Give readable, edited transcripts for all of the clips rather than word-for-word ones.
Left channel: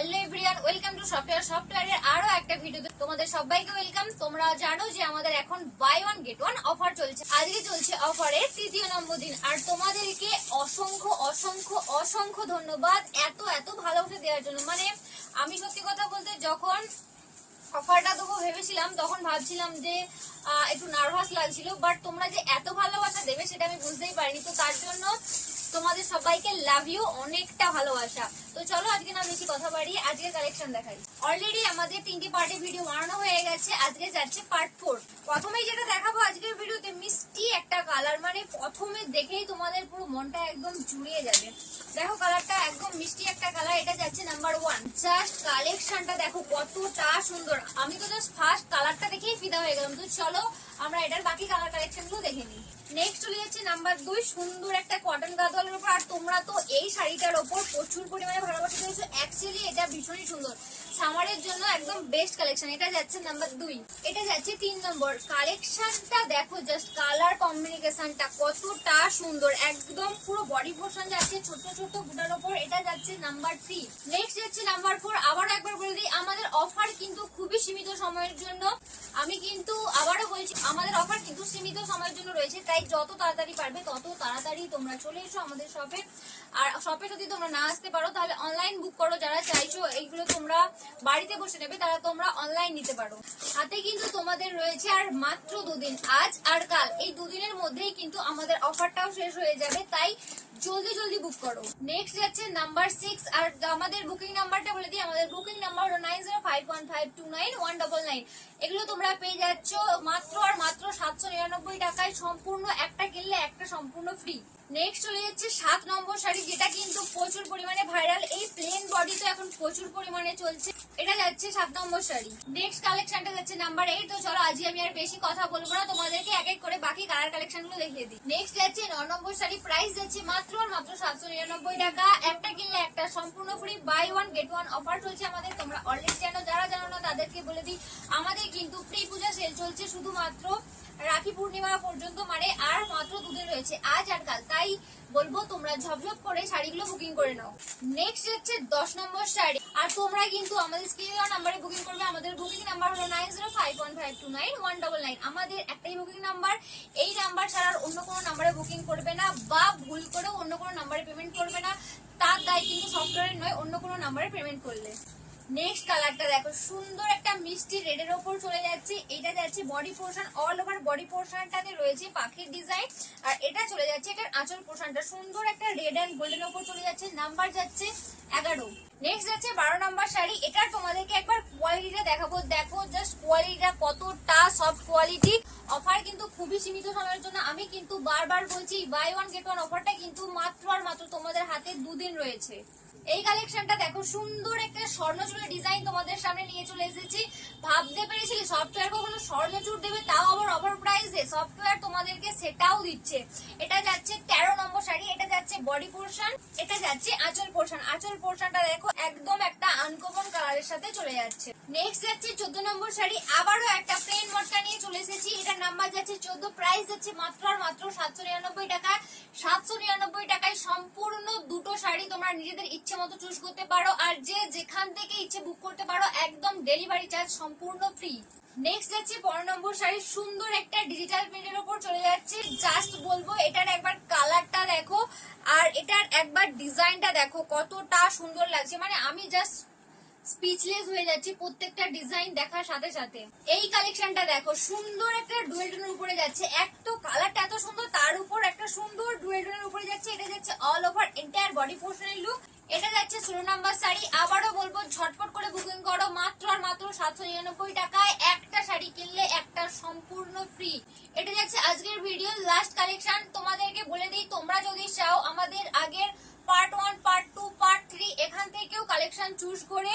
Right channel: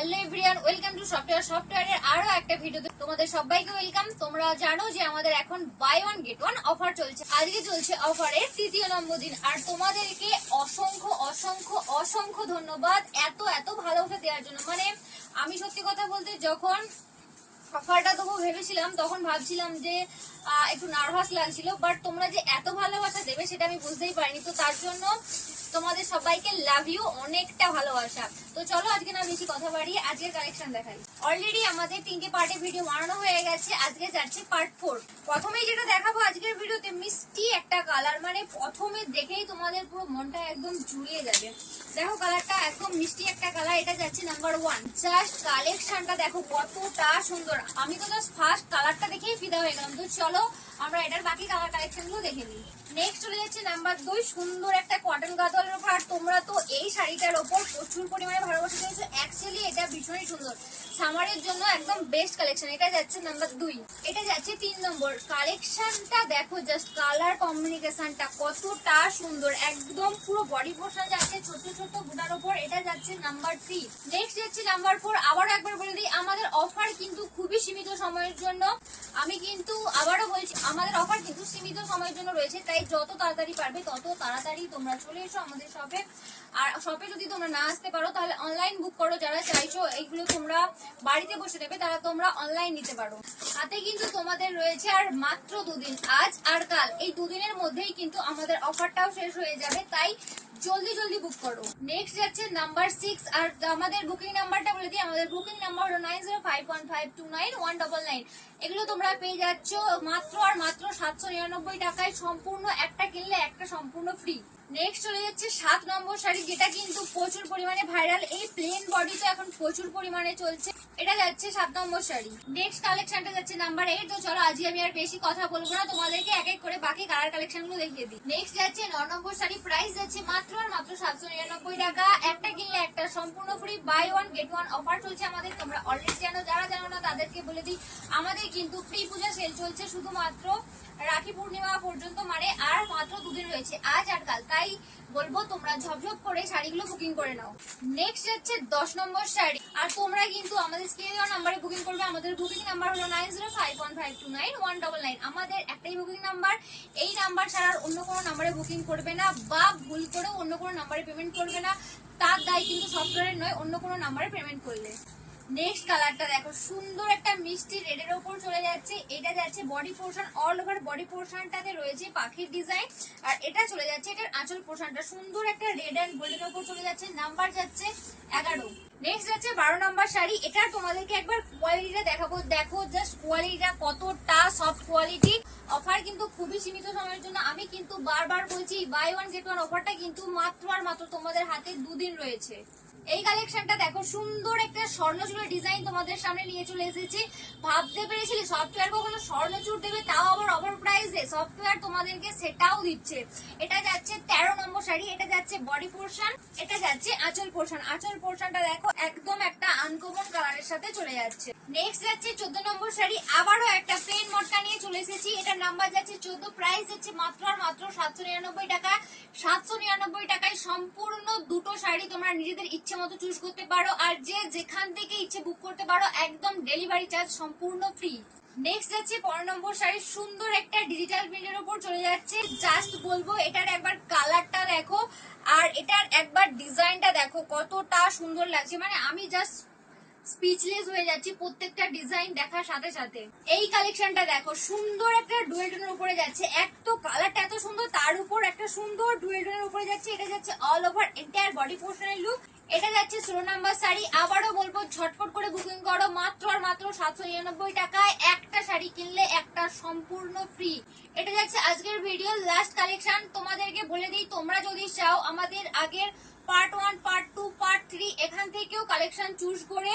Hello everyone, welcome to সফটওয়্যারের আরো একটা ভিডিওতে তোমাদের সবাইকে ওয়েলকাম। তোমরা জানো যে আমাদের এখন buy one get one offer চলছে। আজকে চলছে অফারের তৃতীয় নম্বর দিন, আর তোমাদেরকে অসংখ্য অসংখ্য অসংখ্য ধন্যবাদ এত এত ভালোবাসা দেওয়ার জন্য। মানে আমি সত্যি কথা বলতে যখন অফারটা দেবো ভেবেছিলাম তখন ভাবছিলাম যে একটু নার্ভাস লাগছিল, বাট তোমরা যে এত ভালোবাসা দেবে সেটা আমি বুঝতেই পারিনি। তো তার জন্য তোমাদের সবাইকে লাভ ইউ, অনেকটা ভালোবাসা। তো চলো আজকে না বেশি কথা বাড়িয়ে আজকে কালেকশন দেখাই। অলরেডি আমাদের 3টি পার্টে ভিডিও বানানো হয়ে গেছে, আজকে যাচ্ছে পার্ট 4। প্রথমেই যেটা দেখাবো আজকের ভিডিওতে মিষ্টি একটা কালার, মানে প্রথমে দেখেই তোমাদের পুরো মনটা একদম জুড়িয়ে যাবে। দেখো কালারটা একদম মিষ্টি একটা কালার, এটা যাচ্ছে নাম্বার 1। জাস্ট কালেকশনটা দেখো কতটা সুন্দর, আমি তো জাস্ট ফার্স্ট কালারটা দেখেই ফিদা হয়ে গেলাম। তো চলো আমরা এটার বাকি কালার কালেকশন গুলো দেখে নিই। নেক্সট চলে যাচ্ছে নাম্বার 2, সুন্দর একটা কটন গাদোয়ালের উপর। আর তোমরা তো এই শাড়িটার ওপর প্রচুর পরিমাণে ভালোবাসা দিয়েছো, অ্যাকচুয়ালি এটা ভীষণই সুন্দর, সামারের জন্য একদম বেস্ট কালেকশন। এটা যাচ্ছে নাম্বার 2। এটা যাচ্ছে 3 নম্বর। কালেকশনটা দেখো, জাস্ট কালার কম্বিনেশনটা কতটা সুন্দর, একদম পুরো বডি পোর্শন যাচ্ছে ছোট ছোট বুটার উপর। এটা যাচ্ছে নাম্বার 3। নেক্সট যাচ্ছে নাম্বার 4। আবারও একবার বলে দিই, আমাদের অফার কিন্তু খুবই সীমিত সময়ের জন্য। আমি কিন্তু আবারও বলছি, আমাদের অফার কিন্তু সীমিত সময়ের জন্য রয়েছে, তাই যত তাড়াতাড়ি পারবে তত তাড়াতাড়ি তোমরা চলে এসো আমাদের শপে। আর শপে যদি তোমরা না আসতে পারো তাহলে অনলাইন বুক করো। যারা চাইছো এইগুলো তোমরা বাড়িতে বসে নেবে তারা তোমরা অনলাইন নিতে পারো। হাতে কিন্তু তোমাদের রয়েছে আর মাত্র 2 দিন, আজ আর কাল। এই 2 দিনের মধ্যেই কিন্তু আমাদের অফারটাও শেষ হয়ে যাবে, তাই জলদি জলদি বুক করো। নেক্সট যাচ্ছে নাম্বার 6। আর আমাদের বুকিং নাম্বারটা বলে দিই, আমাদের বুকিং নাম্বার হলো 9051529199। এগুলো তোমরা পেয়ে যাচ্ছ মাত্র আর মাত্র 799 টাকায়, সম্পূর্ণ একটা কিনলে একটা সম্পূর্ণ ফ্রি। নেক্সট চলে যাচ্ছে 7 নম্বর শাড়ি, যেটা কিন্তু প্রচুর পরিমাণে ভাইরাল। এই প্লেন বডি তো এখন প্রচুর পরিমাণে চলছে। এটা যাচ্ছে 7 নম্বর শাড়ি। নেক্সট কালেকশনটা যাচ্ছে নাম্বার 8। তো চলো আজকে আমি আর বেশি কথা বলবো না, তোমাদেরকে এক এক করে বাকি কালার কালেকশন গুলো দেখিয়ে দিই। নেক্সট যাচ্ছে 9 নম্বর শাড়ি। প্রাইস যাচ্ছে মাত্র আর মাত্র 799 টাকা, একটা কিনলে একটা সম্পূর্ণ free. Buy one get one offer চলছে আমাদের, তোমরা অলরেডি জানো। যারা জানো না তাদেরকে বলে দিই, আমাদের কিন্তু প্রি পূজা সেল চলছে শুধুমাত্র রাখি পূর্ণিমা পর্যন্ত, মানে আর মাত্র 2 দিন রয়েছে, আজ আর কাল। তাই বলবো তোমরা ঝপঝপ করে শাড়িগুলো বুকিং করে নাও। নেক্সট হচ্ছে 10 নম্বর শাড়ি। আর তোমরা কিন্তু আমাদের স্ক্রিনে দেওয়া নাম্বারে বুকিং করবে। আমাদের বুকিং নাম্বার হলো 9051529199। আমাদের একটাই বুকিং নাম্বার, এই নাম্বার ছাড়া অন্য কোনো নাম্বারে বুকিং করবে না, বা ভুল করে অন্য কোনো নাম্বারে পেমেন্ট করবে না। তার দায় কিন্তু সফটওয়্যারের নয়, অন্য কোনো নাম্বারে পেমেন্ট করলে। নেক্সট কালারটা দেখো, সুন্দর একটা মিষ্টি রেডের ওপর চলে যাচ্ছে। এটা যাচ্ছে body portion, all over body পোর্শনটাতে রয়েছে পাখির ডিজাইন। আর এটা চলে যাচ্ছে এটার আঁচল পোর্শনটা, সুন্দর একটা রেড এন্ড গোল্ডেন ওপর চলে যাচ্ছে। নাম্বার যাচ্ছে 11। নেক্সট যাচ্ছে 12 নাম্বার শাড়ি। এটা তোমাদেরকে একবার কোয়ালিটিটা দেখাবো, দেখো জাস্ট কোয়ালিটিটা কতটা সফট কোয়ালিটি। অফার কিন্তু খুবই সীমিত সময়ের জন্য। আমি কিন্তু বারবার বলছি, বাই ওয়ান গেট ওয়ান অফারটা কিন্তু মাত্র আর মাত্র তোমাদের হাতে 2 দিন রয়েছে। এই কালেকশনটা দেখো, সুন্দর একটা স্বর্ণচূড়ের ডিজাইন তোমাদের সামনে নিয়ে চলে এসেছি। ভাবতে পেরেছিলি সফটওয়্যার কখনো স্বর্ণচূড় দেবে, তাও আবার অফার প্রাইসে? সফটওয়্যার তোমাদেরকে সেটাও দিচ্ছে। এটা যাচ্ছে 13 নম্বর শাড়ি। এটা যাচ্ছে বডি পোর্শন, এটা যাচ্ছে আঁচল পোর্শন। আঁচল পোর্শনটা দেখো একদম একটা আনকমন কালারের সাথে চলে যাচ্ছে। নেক্সট যাচ্ছে 14 নম্বর শাড়ি। আবারও একটা প্লেন মটকা নিয়ে চলে এসেছি। এটার নাম্বার যাচ্ছে 14। প্রাইস যাচ্ছে মাত্র আর মাত্র 799 টাকা। 799 টাকায় সম্পূর্ণ দুটো শাড়ি তোমরা নিজেদের ইচ্ছে মতো চুজ করতে পারো, আর যে যেখান থেকে ইচ্ছে বুক করতে পারো, একদম ডেলিভারি চার্জ সম্পূর্ণ ফ্রি। নেক্সট যাচ্ছে 15 নম্বর শাড়ি, সুন্দর একটা ডিজিটাল প্রিন্টের উপর চলে যাচ্ছে। জাস্ট বলবো এটার একবার কালারটা দেখো, আর এটার একবার ডিজাইনটা দেখো কতটা সুন্দর লাগছে। মানে আমি জাস্ট স্পিচলেস হয়ে যাচ্ছি প্রত্যেকটা ডিজাইন দেখার সাথে সাথে। এই কালেকশনটা দেখো, সুন্দর একটা ডুয়েল টোনের উপরে যাচ্ছে। এক তো কালারটা এত সুন্দর, তার উপর একটা সুন্দর ডুয়েল টোনের উপরে যাচ্ছে। এটা যাচ্ছে অল ওভার এন্টায়ার বডি পোর্শনের লুক। এটা যাচ্ছে 16 নাম্বার শাড়ি। আবারও বলবো ঝটপট করে বুকিং করো, মাত্র আর মাত্র 799 টাকায় একটা শাড়ি কিনলে একটা সম্পূর্ণ ফ্রি। এটা যাচ্ছে আজকের ভিডিও লাস্ট কালেকশন। তোমাদেরকে বলে দিই, তোমরা যদি চাও আমাদের আগের পার্ট 1, পার্ট 2, পার্ট 3 এখান থেকেও কালেকশন চুজ করে,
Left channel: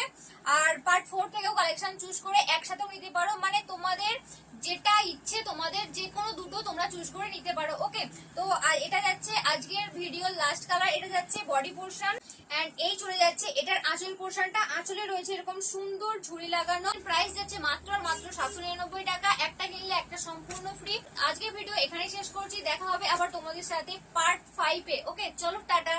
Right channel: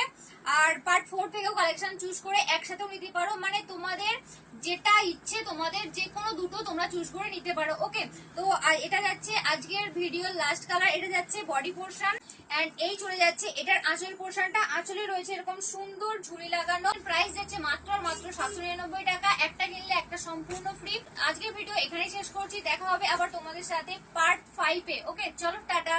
আর পার্ট 4 থেকেও কালেকশন চুজ করে একসাথেও নিতে পারো। মানে তোমাদের যেটা ইচ্ছে, তোমাদের যে কোনো দুটো তোমরা চুজ করে নিতে পারো। ওকে, তো এটা যাচ্ছে আজকের ভিডিওর লাস্ট কালার। এটা যাচ্ছে বডি পোর্শন, এন্ড এই চলে যাচ্ছে এটার আঁচল পোর্শনটা। আঁচলে রয়েছে এরকম সুন্দর ঝুড়ি লাগানো। প্রাইস যাচ্ছে মাত্র আর মাত্র 799 টাকা, একটা কিনলে একটা সম্পূর্ণ ফ্রি। আজকের ভিডিও এখানেই শেষ করছি, দেখা হবে আবার তোমাদের সাথে পার্ট 5 এ। ওকে, চলো টাটা।